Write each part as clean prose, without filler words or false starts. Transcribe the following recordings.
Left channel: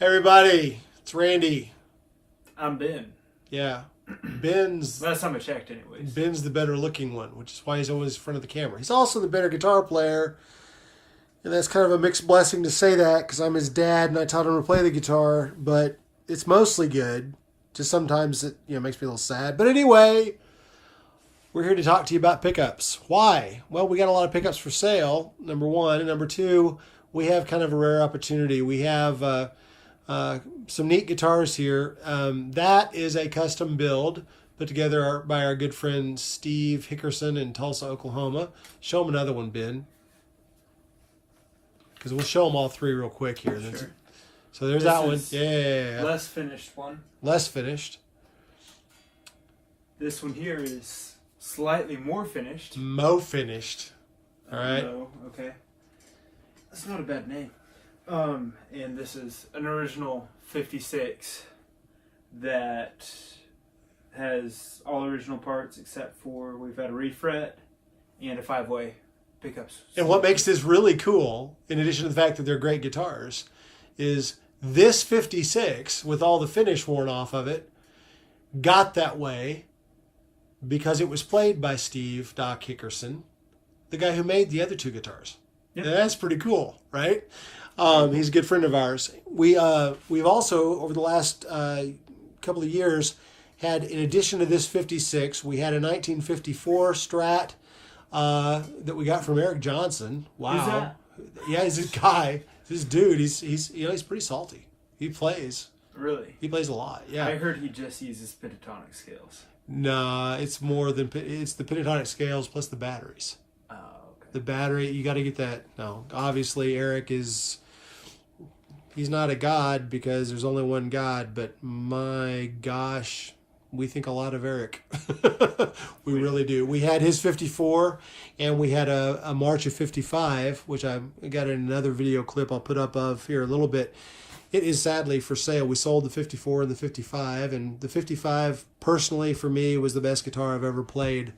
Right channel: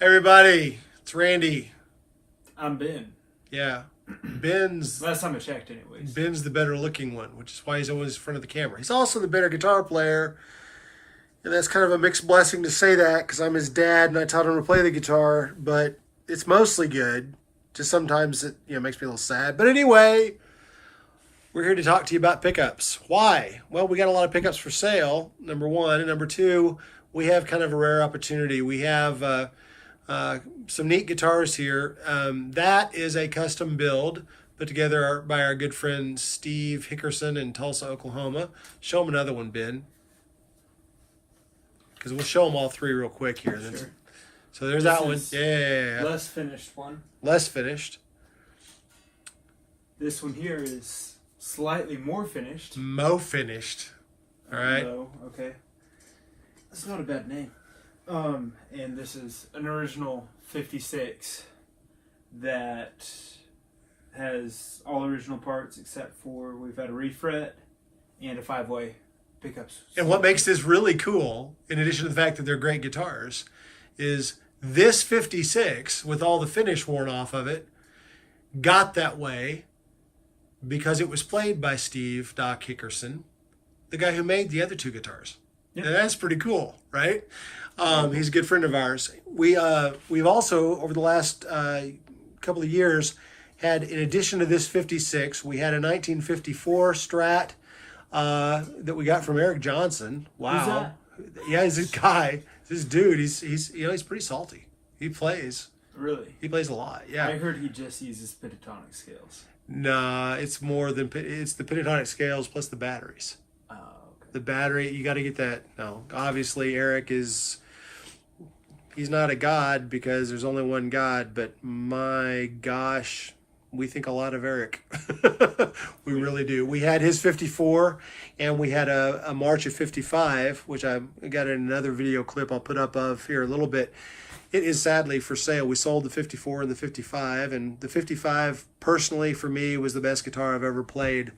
Hey everybody, it's Randy. I'm Ben. Yeah, Ben's Last time I checked, anyways. Ben's the better looking one, which is why he's always in front of the camera. He's also the better guitar player, and that's kind of a mixed blessing to say that because I'm his dad and I taught him to play the guitar. But it's mostly good. Just sometimes it makes me a little sad. But anyway, we're here to talk to you about pickups. Why? Well, we got a lot of pickups for sale. Number one, and number two, we have kind of a rare opportunity. We have some neat guitars here. That is a custom build put together by our good friend Steve Hickerson in Tulsa, Oklahoma. Show him another one, Ben, because we'll show them all three real quick here. Sure. So there's This that one. is Yeah. Less finished one. Less finished. This one here is slightly more finished. Mo finished. All right. No, okay. That's not a bad name. And this is an original 56 that has all original parts except for we've had a refret and a 5-way pickups. And what makes this really cool, in addition to the fact that they're great guitars, is this 56, with all the finish worn off of it, got that way because it was played by Steve Doc Hickerson, the guy who made the other two guitars. Yep. And that's pretty cool, right? He's a good friend of ours. We've also, over the last couple of years, had, in addition to this 56, we had a 1954 Strat that we got from Eric Johnson. Wow. Who's that? Yeah, he's a guy. This dude, he's pretty salty. He plays. Really? He plays a lot. Yeah. I heard he just uses pentatonic scales. Nah, it's more than it's the pentatonic scales plus the batteries. Oh, okay. The battery, you got to get that. No, obviously Eric he's not a god because there's only one God, but my gosh, we think a lot of Eric. We really do. We had his 54 and we had a March of 55, which I got in another video clip I'll put up of here a little bit. It is sadly for sale. We sold the 54 and the 55, and the 55 personally for me was the best guitar I've ever played.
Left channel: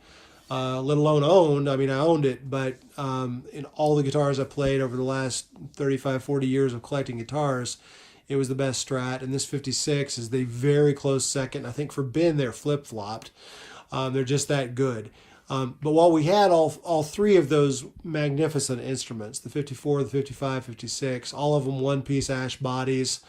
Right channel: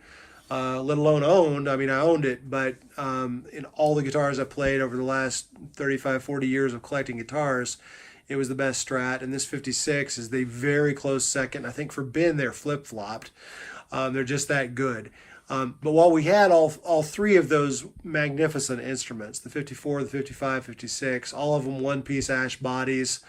Let alone owned. I mean, I owned it, but in all the guitars I played over the last 35, 40 years of collecting guitars, it was the best Strat. And this 56 is the very close second. I think for Ben, they're flip-flopped. They're just that good. But while we had all three of those magnificent instruments, the 54, the 55, 56, all of them one-piece ash bodies,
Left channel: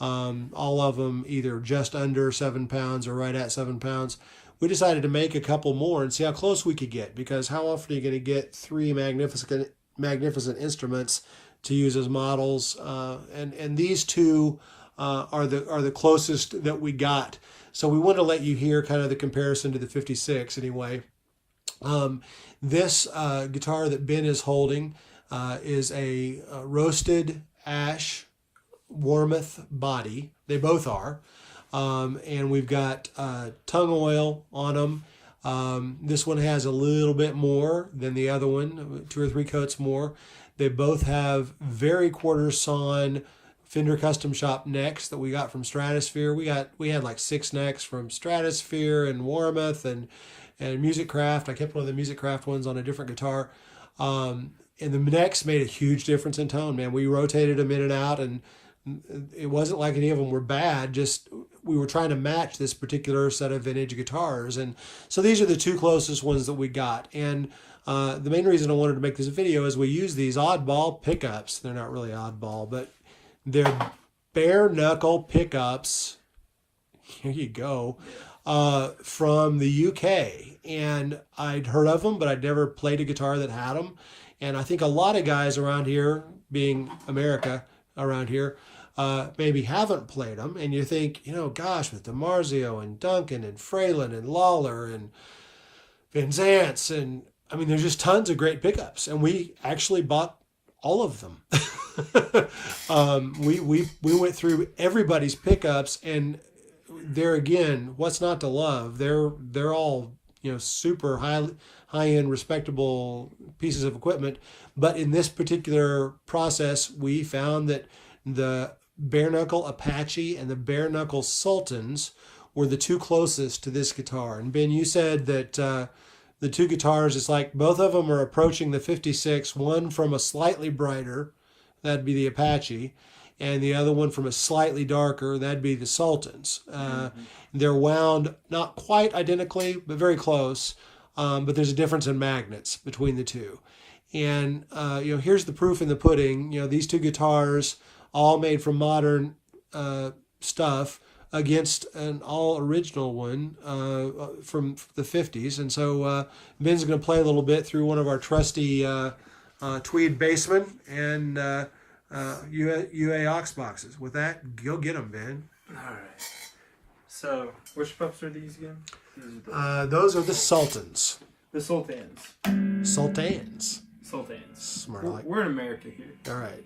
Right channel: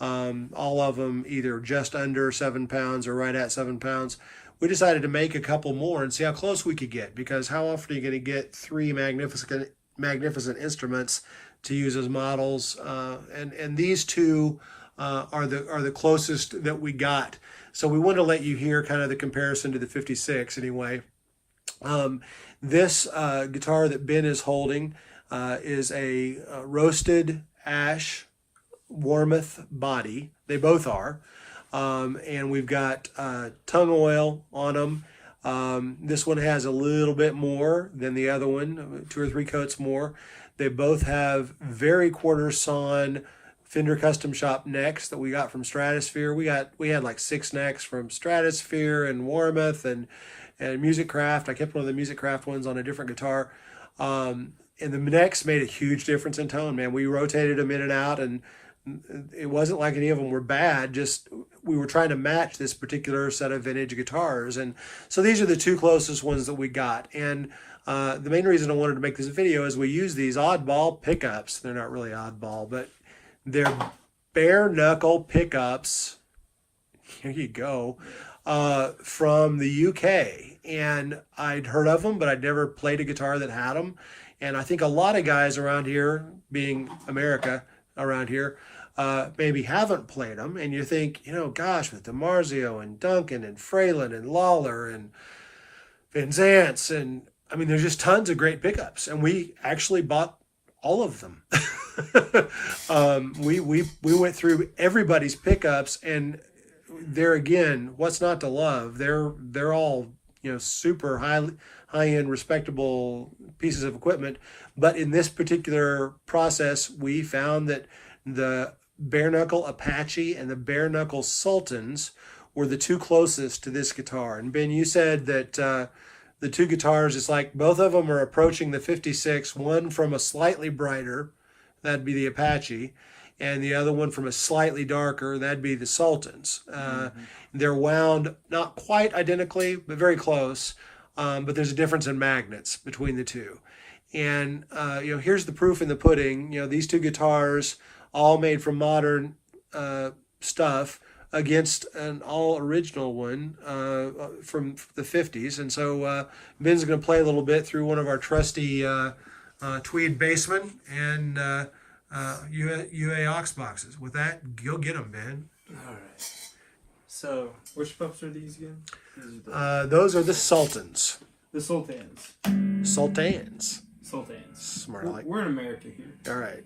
all of them either just under 7 pounds or right at 7 pounds, we decided to make a couple more and see how close we could get, because how often are you going to get three magnificent instruments to use as models? And these two are the closest that we got. So we want to let you hear kind of the comparison to the 56 anyway. This guitar that Ben is holding is a roasted ash Warmoth body. They both are. And we've got tongue oil on them. This one has a little bit more than the other one, 2 or 3 coats more. They both have very quarter sawn Fender Custom Shop necks that we got from Stratosphere. We had like 6 necks from Stratosphere and Warmoth and Music Craft. I kept one of the Music Craft ones on a different guitar. And the necks made a huge difference in tone, man. We rotated them in and out, and it wasn't like any of them were bad, just we were trying to match this particular set of vintage guitars. And so these are the two closest ones that we got. And the main reason I wanted to make this video is we use these oddball pickups. They're not really oddball, but they're bare knuckle pickups. Here you go. From the UK. And I'd heard of them, but I'd never played a guitar that had them. And I think a lot of guys around here, being America around here, maybe haven't played them. And you think, gosh, with DiMarzio and Duncan and Fralin and Lawler and Van Zants, and I mean, there's just tons of great pickups. And we actually bought all of them. We went through everybody's pickups, and there again, what's not to love? They're all super high-end, respectable pieces of equipment. But in this particular process, we found that the bare knuckle Apache and the bare knuckle Sultans were the two closest to this guitar. And Ben, you said that the two guitars, it's like both of them are approaching the 56, one from a slightly brighter, that'd be the Apache, and the other one from a slightly darker, that'd be the Sultans. They're wound not quite identically, but very close. But there's a difference in magnets between the two. And here's the proof in the pudding. These two guitars, all made from modern stuff, against an all original one from the 50s. And so Ben's going to play a little bit through one of our trusty tweed bassmen and UA aux boxes. With that, go get them, Ben. All right. So, which pups are these again? Those are the Sultans. The Sultans. Sultans. Sultans. Smart. We're in America here. All right.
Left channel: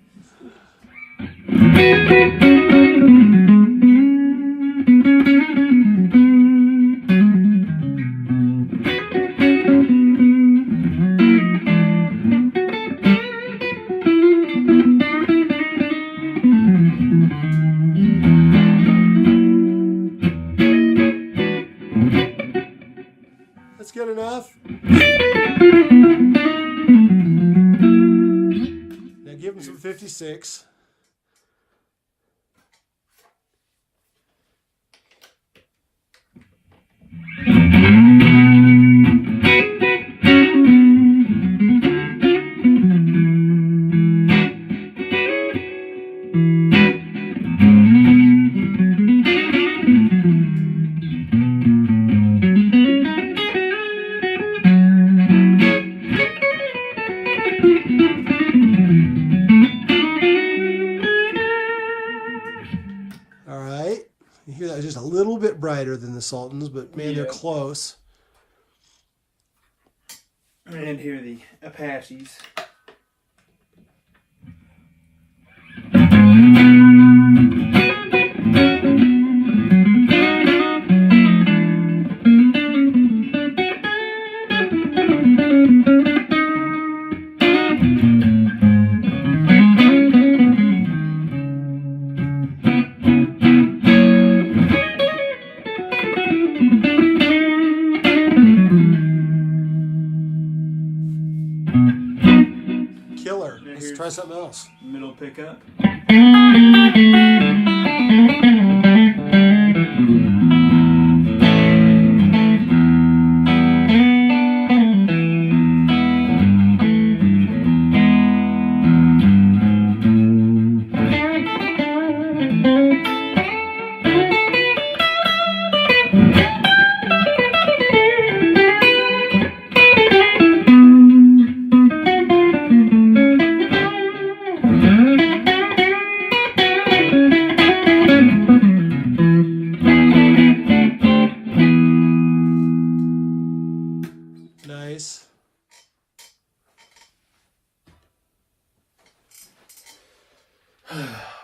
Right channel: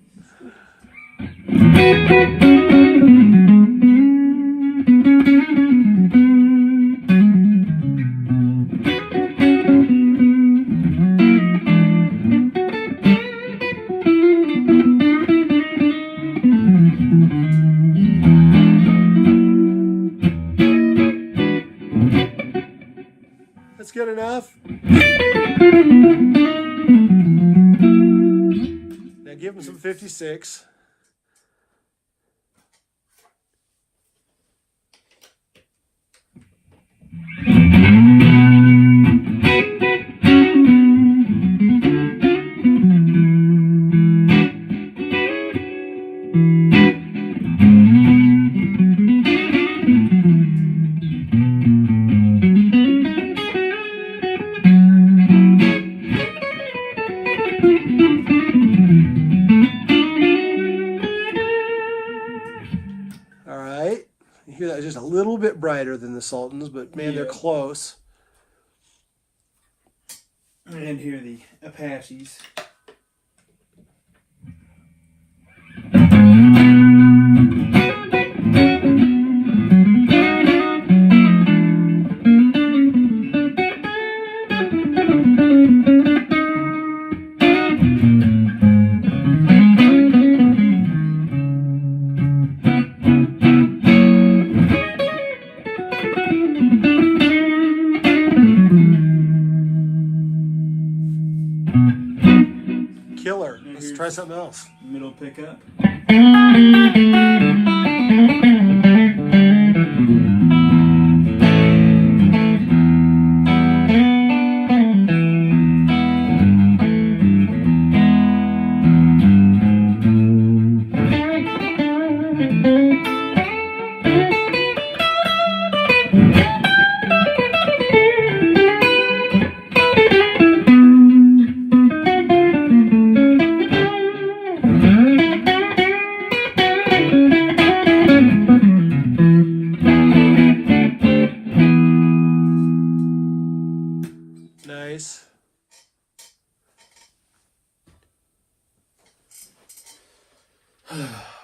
That's good enough. Now give him some 56. You hear that just a little bit brighter than the Sultans, but man, they're close. And here are the Apaches. Killer. Let's try something else. Middle pickup. Nice.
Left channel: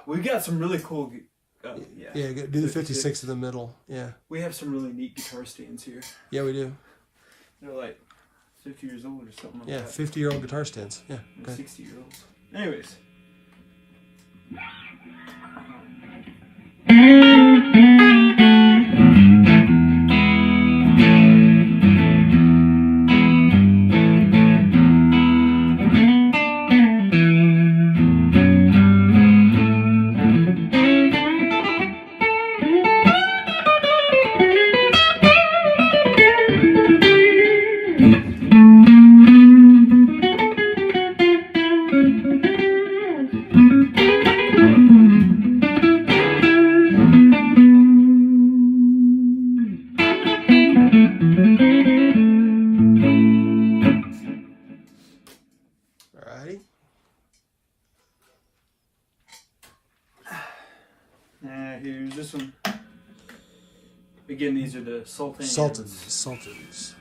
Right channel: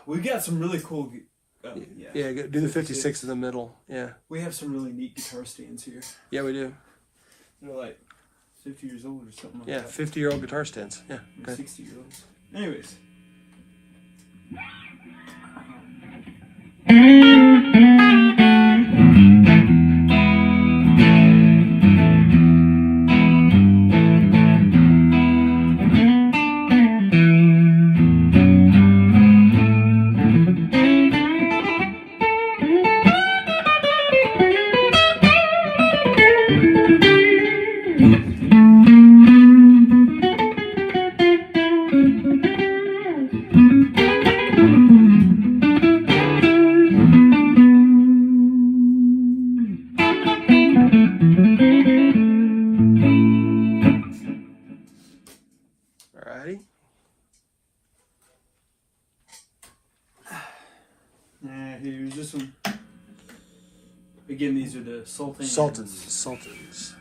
We've got some really cool. Yeah, Do the 56 in the middle. Yeah. We have some really neat guitar stands here. Yeah, we do. They're like 50 years old or something like Yeah, that. 50-year-old guitar stands. Yeah. Or 60-year-olds. Anyways. Here's this one. Again, these are the Sultans. Sultans.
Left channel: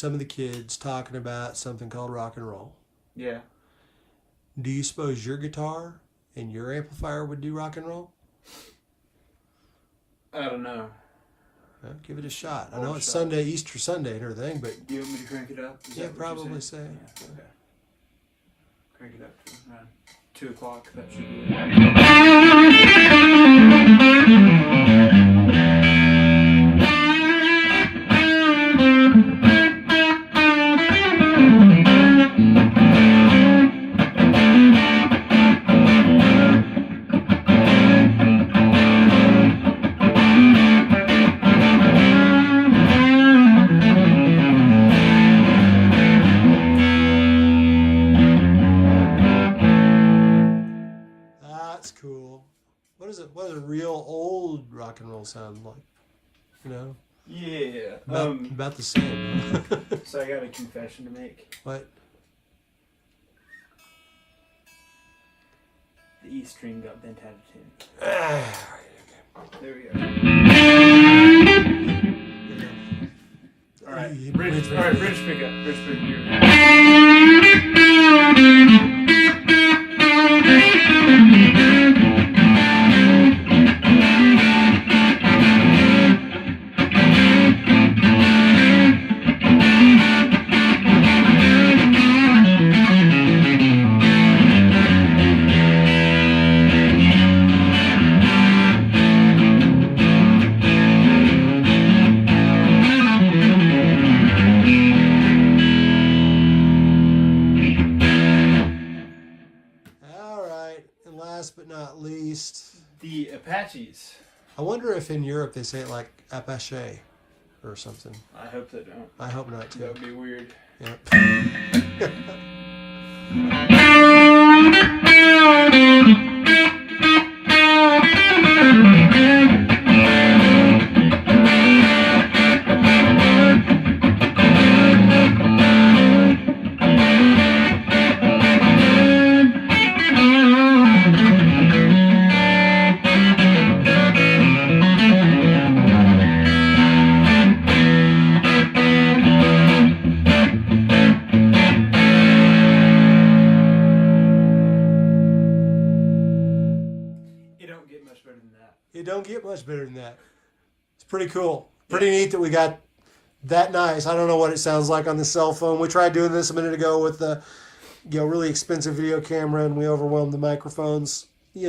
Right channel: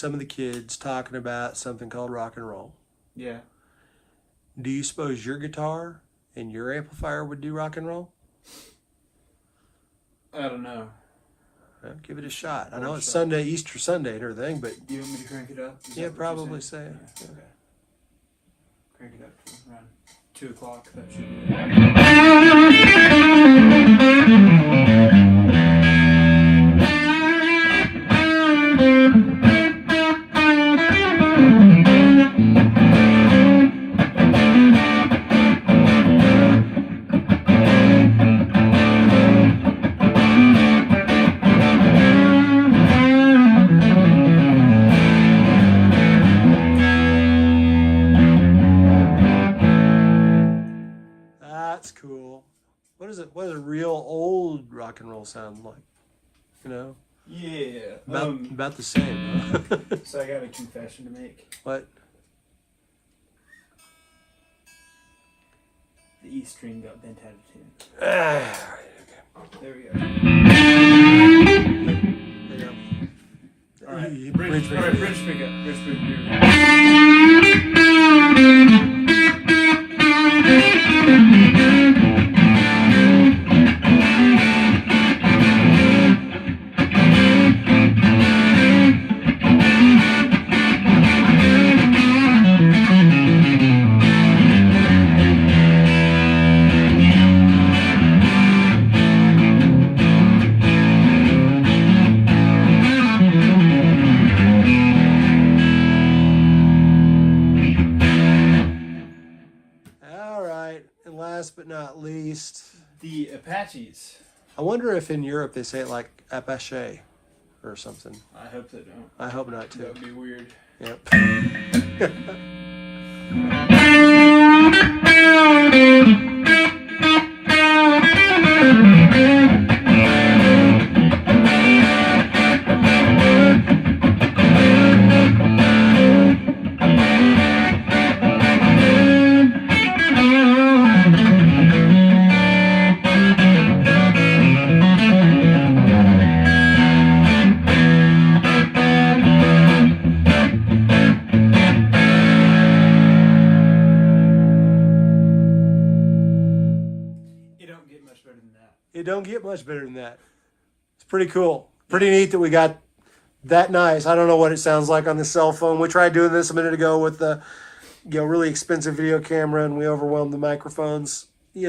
some of the kids talking about something called rock and roll. Yeah. Do you suppose your guitar and your amplifier would do rock and roll? I don't know. Well, give it a shot. I know it's Sunday, Easter Sunday and everything, but... Do you want me to crank it up? Yeah, probably so. Yeah, okay. Crank it up to around 2 o'clock. That should be it. That's cool. What does a real old rock and roll sound like? You know? Yeah. About the same. So I got a confession to make. What? The E string got bent out of tune. There we go. All right. Bridge pick up. Bridge pick But not least, the Apaches. I wonder if in Europe they say it like Apache or something. I hope they don't. I hope not too. That would be weird. Yep. It don't get much better than that. It's pretty cool. Pretty neat that we got that nice. I don't know what it sounds like on the cell phone. We tried doing this a minute ago with the really expensive video camera, and we overwhelmed the microphones. It's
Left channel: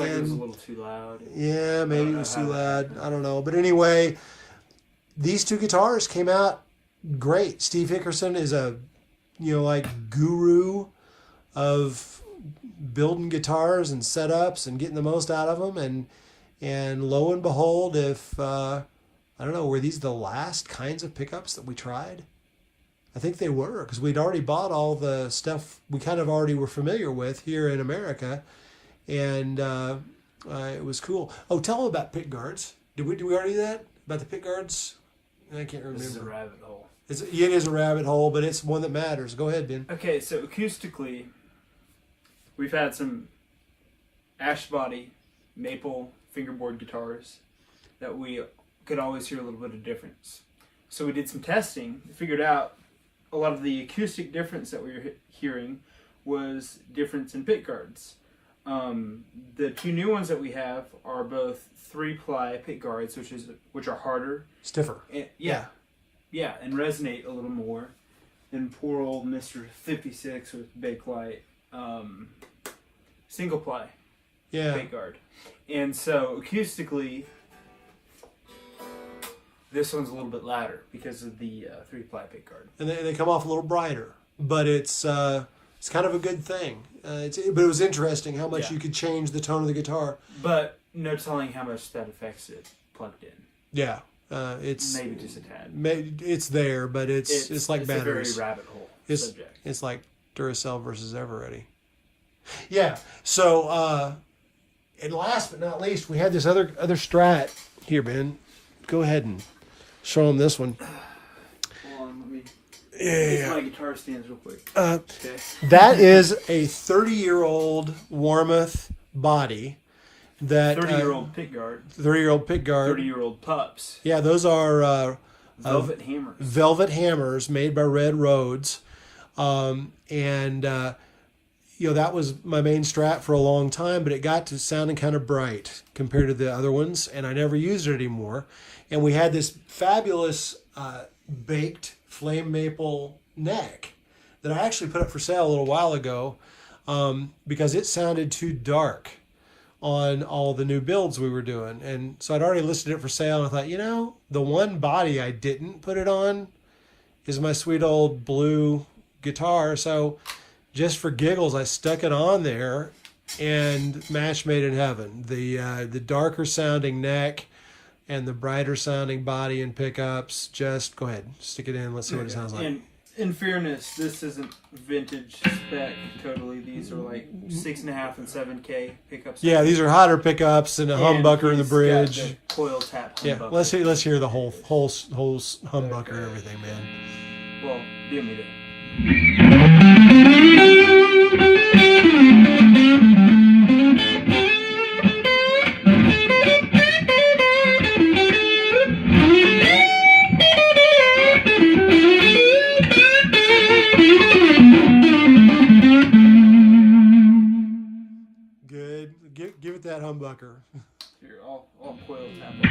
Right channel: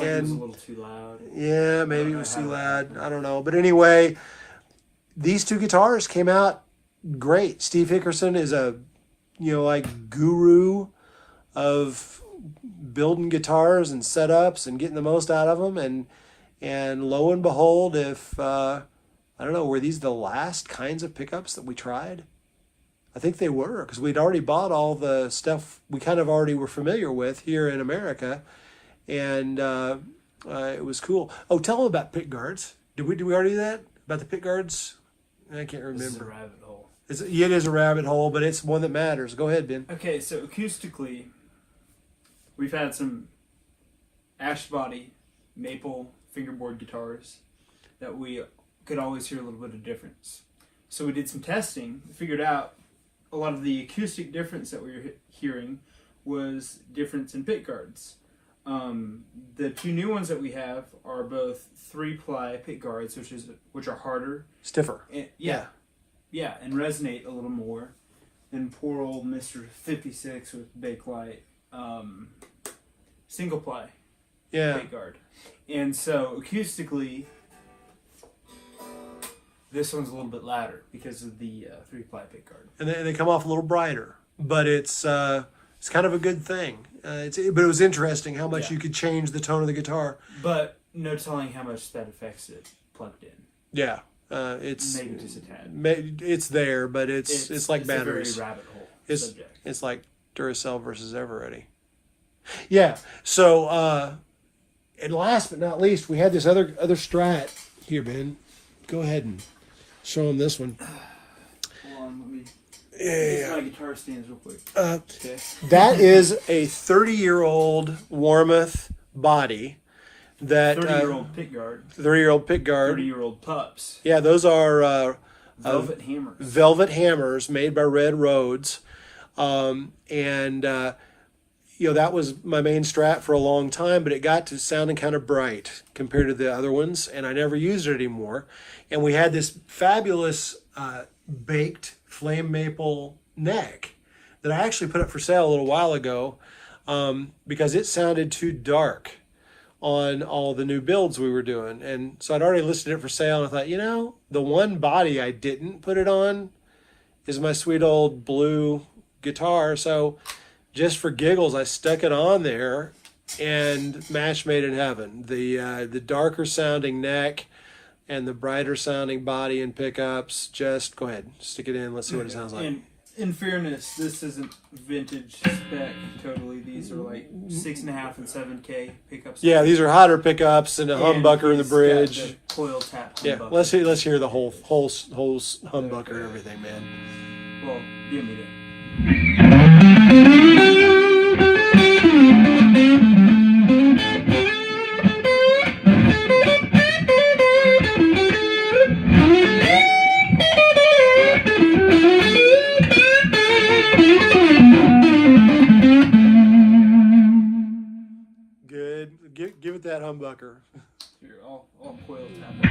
like it was a little too loud. Yeah, maybe it was too loud. I don't know. But anyway, these two guitars came out great. Steve Hickerson is a guru of building guitars and setups and getting the most out of them, and lo and behold, if I don't know, were these the last kinds of pickups that we tried? I think they were, because we'd already bought all the stuff we kind of already were familiar with here in America, and it was cool. Oh, tell them about pick guards. Did we already do that? About the pick guards? I can't remember. This is a rabbit hole. It is a rabbit hole, but it's one that matters. Go ahead, Ben. Okay, so acoustically, we've had some ash body maple fingerboard guitars that we could always hear a little bit of difference. So we did some testing, figured out a lot of the acoustic difference that we were hearing was difference in pick guards. The two new ones that we have are both 3-ply pick guards, which are harder, stiffer, and, and resonate a little more than poor old Mr. 56 with Bakelite single ply pick guard. And so acoustically, this one's a little bit louder because of the 3-ply pick guard, and they come off a little brighter. But it's kind of a good thing. But it was interesting how much you could change the tone of the guitar. But no telling how much that affects it plugged in. Yeah, it's maybe just a tad. It's there, but it's like batteries. It's a very rabbit hole subject. It's like Duracell versus Eveready. Yeah. So, and last but not least, we had this other Strat here, Ben. Go ahead and show them this one. Hold on, let me. These my guitar stands real quick. Okay. That is a 30-year-old Warmoth body. That 30-year-old pick guard. 30-year-old pick guard. 30-year-old pups. Yeah, those are Velvet hammers. Velvet hammers made by Red Rhodes. That was my main Strat for a long time, but it got to sounding kind of bright compared to the other ones, and I never used it anymore. And we had this fabulous baked flame maple neck that I actually put up for sale a little while ago because it sounded too dark on all the new builds we were doing. And so I'd already listed it for sale, and I thought, the one body I didn't put it on is my sweet old blue guitar. So just for giggles, I stuck it on there, and match made in heaven. The darker sounding neck and the brighter sounding body and pickups. Just go ahead, stick it in. Let's see what it sounds like. And in fairness, this isn't vintage spec totally. These are like 6.5 and 7K pickups. Yeah, these are hotter pickups and a humbucker in the bridge. Got the coil tap humbucker. Yeah, let's hear the whole humbucker and everything, man. Well, give me that. Good. Give it that humbucker. Here, I'll coil tap it.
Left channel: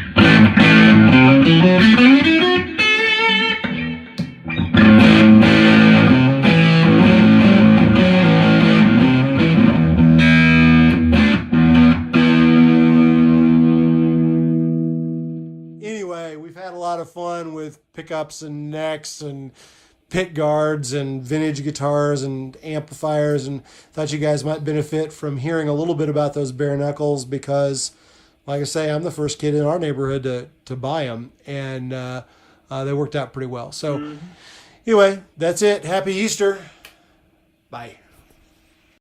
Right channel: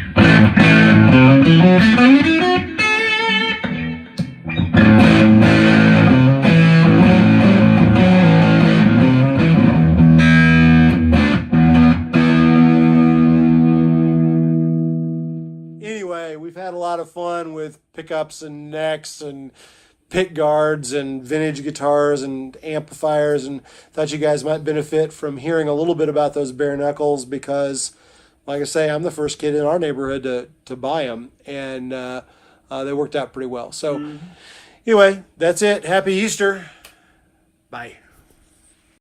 Anyway, we've had a lot of fun with pickups and necks and pick guards and vintage guitars and amplifiers, and thought you guys might benefit from hearing a little bit about those bare knuckles because, like I say, I'm the first kid in our neighborhood to buy them, and they worked out pretty well. So anyway, that's it. Happy Easter. Bye.